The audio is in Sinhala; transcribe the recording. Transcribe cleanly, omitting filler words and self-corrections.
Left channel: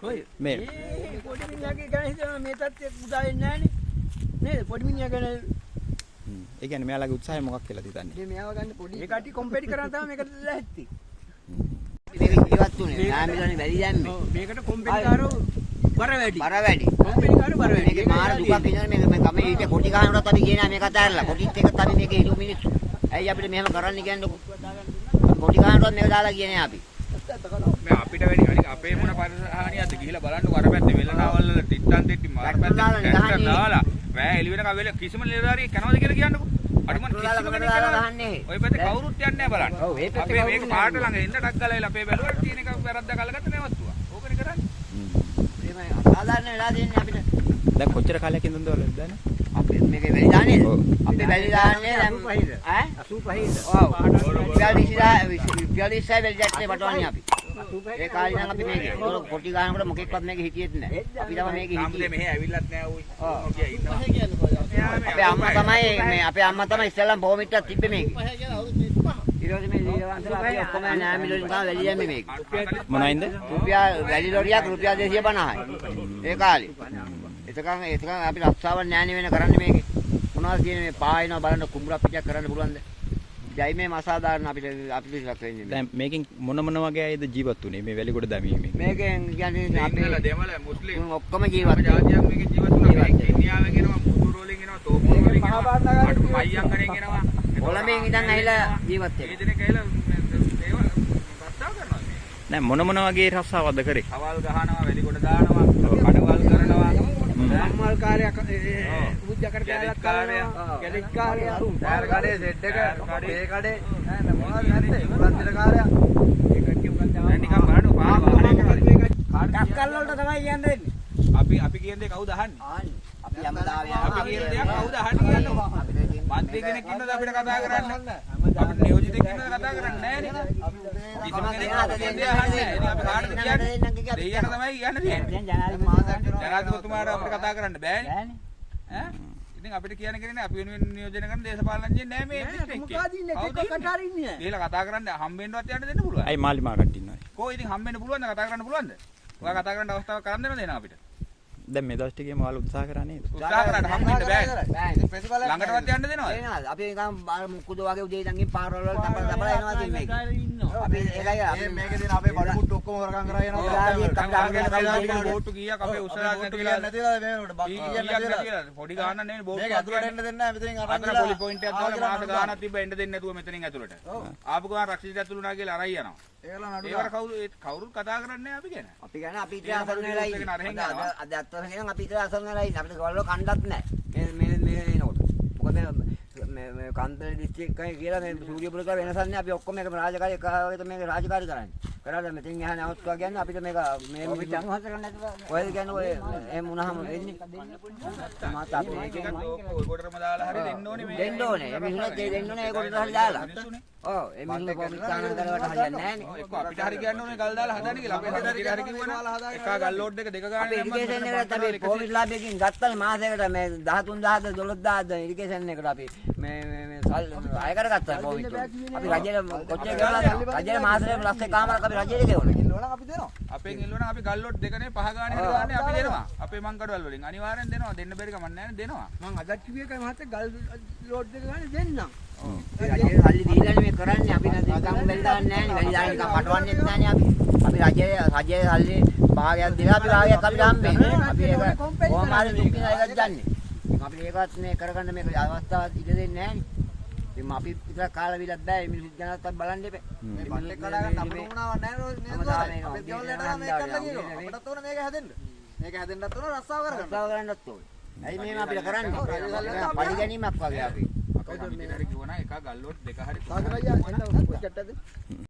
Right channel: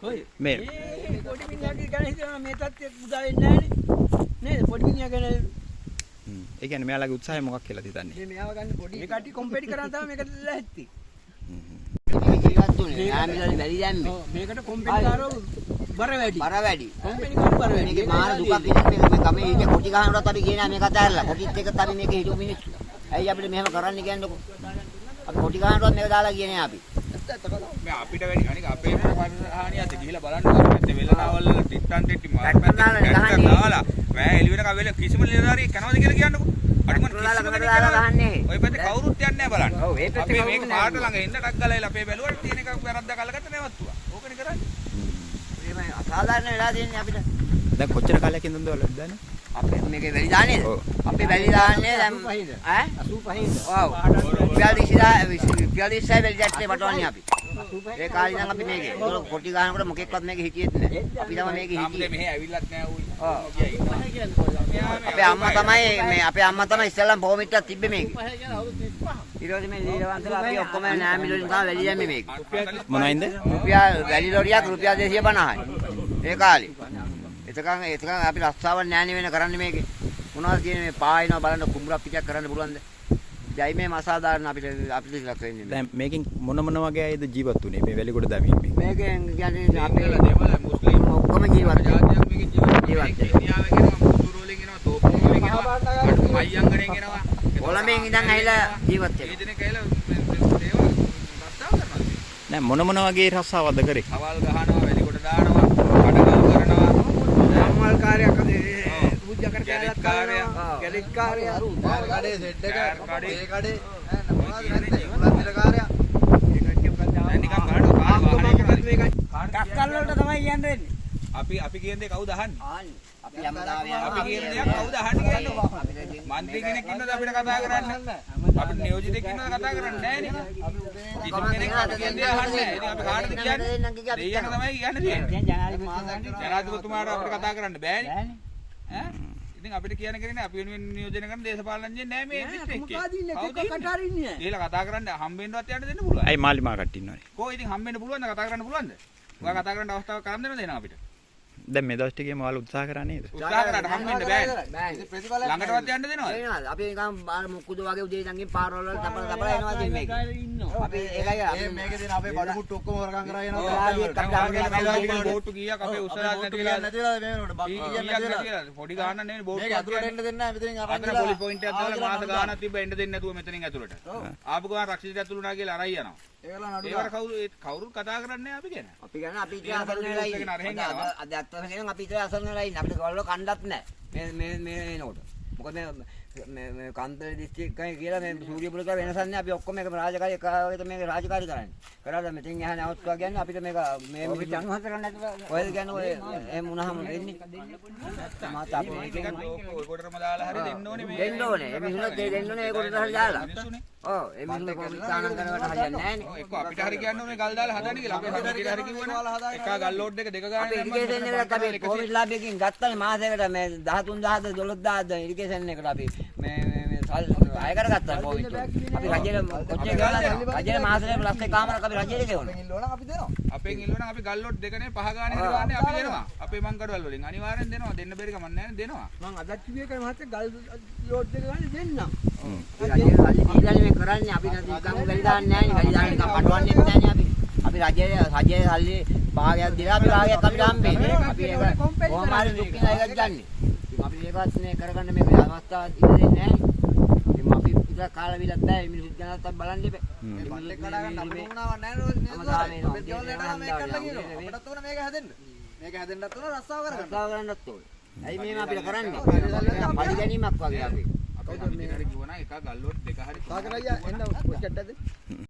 කොයි මේ පොඩි මිනිහාගේ ගැන හිතනවා මේ තත්ත්වයක් උදා වෙන්නේ නැහනේ නේද පොඩි මිනිහා ගැන ඒ කියන්නේ මෙයාලගේ උත්සාහය මොකක් කියලාද හිතන්නේ? මේ මෙයාව ගන්න පොඩි මේ කට්ටිය කොම්පෙටි කරන් තමයි මේකට ලැහැත්ති මේක ජීවත් උනේ නාමිලානේ වැඩි දැම්මේ මේකට කොම්පෙටි කාරෝ බර වැඩි කොම්පෙටි කාරෝ බර වැඩි මේකේ මාර දුකක් ඉන්නේ මේ ගමේ ඉන්නේ කොටි ගහනකොට අපි කියනවා මේක අතහැරලා කොටිත් එක්ක අපි මේක හිටු මිනිස්සු ඇයි අපිට මෙහෙම කරන්න කියන්නකො කොටි ගහනකොට මේක දාලා කියන්නේ අපි මේ අපිට වැඩි අනික අපේ පරිහානියත් ගිහිලා බලන්න අර පැත්තේ වෙලනාවල් වල ටිට්ටන් ටෙට්ටි මාර පැත්තේ ට්‍රැක්ටර් දාලා වැය එළි වෙනකම් වෙල කිසිම නිලධාරියෙක් යනවද කියලා කියන්නකො අර මොන කිසිම කෙනෙක් යනවද ඔය පැත්තේ කවුරුත් යන්නේ නැහැ බලන්න ඔව් ඒ පැත්තේ අපි මේක පාට ළඟ ඉන්න ටක් ගාලා අපේ බැලුවට තියෙන එක වැරද්දක් අල්ලගත්ත නැවතුවා ඕකනේ කරන්නේ මේ අසාධාරණ වෙලා තියෙන්නේ අපිට දැන් කොච්චර කාලයක් ඉඳන්ද වල දාන්නේ? අපේ මේකේ වැඩි දාන්නේද අපි වැඩි දාන්නේ දැන් ඈ 85 ඔව් 46 වැඩි දැක්කේ වටවන්නේ අපි ඒ කාලේ නම් අපි මේකේ ඒක කොටි ගහනකොට මොකෙක්වත් මේකේ හිටියෙත් නැහැ අපි තමයි මේකේ හිටියේ මෙහෙ ඇවිල්ලත් නැහැ ඌ අපේ අම්මා තමයි ඉස්සෙල්ලාම බොමිට්ටක් තිබ්බේ මේකේ ඊළඟට මේ දීලවන්තලා අපි ඔක්කොම නෑමිලුන් ගා වැඩි දැම්මේ මේකේ මොනයින්ද? රුපියල් වැඩි ලොරියක් රුපියල් 250යි ඒ කාලේ එතකන් අපි රස්සාවක් නෑනේ වෙන කරන්නේ මේකේ මොනවද කියන්නේ මේ පායනවා බලන්න කුඹුරක් පිටක් කරන්න පුළුවන්ද ජයි මේ අසාධාරණ අපිට ලක් වෙන්නේ දැන් මේකෙන් මොන ගෑ අයද ජීවත් උනේ මේ වැලිගොඩ දැමීමෙන්? මේකෙන් කියන්නේ අපේ දෙමළ මුස්ලිම් ඔක්කොම ජීවත් ජාතියක් මේකේ ජීවත් වෙනවා ඉන්දියාවෙන් එනවා කුරුරු වලින් එනවා තෝපු වලින් එනවා අයියංගණෙන් එනවා කොළඹෙන් ඉඳන් ඇවිල්ලා ජීවත් වෙනවා මේ දිනේ ගහලා ඒවා රස්සාව කරනවා නෑ මොන වගේ රස්සාවක්ද කරේ? අවල් ගහනවා වැලිගොඩ දානවා කඩගල් කරනවා සම්මල් කාර්යයක් පූජා කර කැලෙක් කාර්යය කඩේ සෙට් එක කඩේ කඩේ ඔය කියන්නේ ජීවත් කාර්යය ඒ කට්ටිය මොකක්ද නිකන් බලන්න කස්කල් වලට තමයි යන්නේ අපි කියන දේ කවුද අහන්නේ අපි හැමදාම අපි කියන දේ කවුද අහන්නේ කියන්නේ මන්ත්‍රී කෙනෙක් ඉන්නද අපිට කතා කරන්න අපිට නියෝජිතෙක් ඉන්නද කතා කරන්නේ නැහැ නේ කිසිම කෙනෙක් අපි කියන දේ අහන්නේ නැහැ ඉතින් අපි කාටද කියන්නේ දෙයියන්ට තමයි කියන්න තියෙන්නේ ජනාධිපතිතුමාට අපිට කතා කරන්න බෑනේ ඈ ඉතින් අපිට කියන්න කෙනෙක් අපි වෙනුවෙන් නියෝජනය කරන දේශපාලනඥයෙක් නැහැ මේ දිස්ත්‍රික්කේ කවුද ඉන්නේ ගිහලා කතා කරන්න හම්බෙන්නවත් යන්න දෙන්න පුළුවන් අයි මාලි මාකට ඉන්නවනේ. කොහොම ඉතින් හම්බෙන්න පුළුවන්ද කතා කරන්න පුළුවන්ද ඔයා කතා කරන්න අවස්ථාවක් කරන් දෙනවද එනවා අපිට දැන් මේ දවස් ටිකේම ඔයාලා උත්සාහ කරා නේද? උත්සාහ කරාට හම්බෙන්න බෑ ළඟටවත් යන්න දෙනවද අපි නිකන් මුකුද වගේ උදේ ඉඳන් ගිහින් පාරවල තපල එනවා ඉතින් මේක අපි ඒකයි අපි මේකේ තියෙන අපේ බඩ මුට්ටු ඔක්කොම වරකම් කරා යනවා බෝට්ටු කීයක් අපේ උස්සලා නැති වෙලා කීයක් නැති වෙලා පොඩි ගානක් නෙවෙයි බෝට්ටු අතුරට එන්න දෙන්නේ නැහැ මෙතනින් අතන පොලි පොයින්ට් එකක් දාලා මාස ගානක් තිබ්බ එන්න දෙන්නේ නැතුව මෙතනින් ඇතුළට ආපු ගාන රක්ෂිතය ඇතුළු නා කියලා අරයි යනවා ඒවට කවුරුත් කතා කරන්නේ අපි ගැන අපි ගැන අපි ඉතින් අසරණ වෙලා ඉන්නේ අද අත්තර කියන අපි ඉතින් අසරණ වෙලා ඉන්නේ අපිට ගවල්ල කණ්ඩත් නැහැ මේ එනකොට මොකද මේ කන්තර දිස්ත්‍රික්කයි කියලා මේ සූර්යපුර කියලා වෙනසක් නැහැ අපි ඔක්කොම මේක රාජකාරී එකවගේ මේක රාජකාරී කරන්නේ කරලා මෙතෙන් යහන අවස්ථාව කියන්නේ අපිට මේක මේ ජනහත කරන්න නැතුව ඔයද කියන්නේ ඔය එහෙම වුණාම වෙන්නේ මාත් අපි මේකෙන් ඔයකොටම දාලා හරි දෙන්න ඕනේ මේ දෙන්න ඕනේ ඒ මිනිස්සු දෙන්න ඕනේ ඒකට හරි දාලා ඔව් ඒ මිනිස්සු කොමිතාන කරවට හරියන්නේ නැහැ නේ එක්ක අපිට හරි කියන්න ඕනේ ගල් දාලා හදන්න කියලා අපේ සමිතියට හරි කිව්වනම් එකා ගල් ලෝඩ් එක දෙක ගන්න අපි කොමිස් ලාභයකින් ගත්තනේ මාසයකට මේ 13000ද 12000ද ඉරිගේෂන් එකට අපි මේ අය කරගත්තා කොමිස් අපි රජයේ කොච්චර ගෙවලා රජයේ මාසෙට ලක්ෂ එකමාරක් අපි රජයේ ගෙවනවා අපි දෙනවා අපෙන් ඉල්ලනවා අපි ගල් ලෝඩ් දෙකනේ පහ ගානේ හරි ගානේ අපි දෙනවා අපේ මංකඩවල වලින් අනිවාර්යෙන් දෙනවා දෙන්න බැරි කමක් නැහැ දෙනවා මං අදත් කිව්වේ එකයි මහත්තයා ගල් ලෝඩ් එක ගන්න දෙන්නම් රජයේ සල්ලි දීලා මේ කරන්නේ අපි නම් වැඩි දාන්නේ නැහැ නේ වැඩි දාන්න පටවන්නෙත් නැහැ නේ අපි රජයේ සල්ලි භාගයක් දීලා අපි භාගයක් අපිට හම්බෙන්නේ අපි ඒක කොහොම හරි දුකින් අයගත් ගන්න අපි ඒකත් මේ කරගන්න මේක අවස්ථාවක් ඉන්නේ නැහැ නේ අපි ඉතින් කාලා විලක් බෑ මිනිස්සු ජනතාවත් බලන්න ඉබේ මේ බල්ලෙක් කඩා ගන්න අපිට උනාවක් නැහැ නේද අපේ ගෙවල් වලට මේක කරලා කියනවා අපිටත් ඕන මේක හැදෙන්න මේක හැදෙන්නත් ඕන රස්සාව කරගන්න රස්සාව කරන්නත් ඕන ඇයි මේව අපිට කරන්නේ පරි ගැනීමක් වගේ අපි අපේ සමිතියට හරි කිව්වනම් එකා ගල් ලෝඩ් දෙක හරි එන්න චට්ටද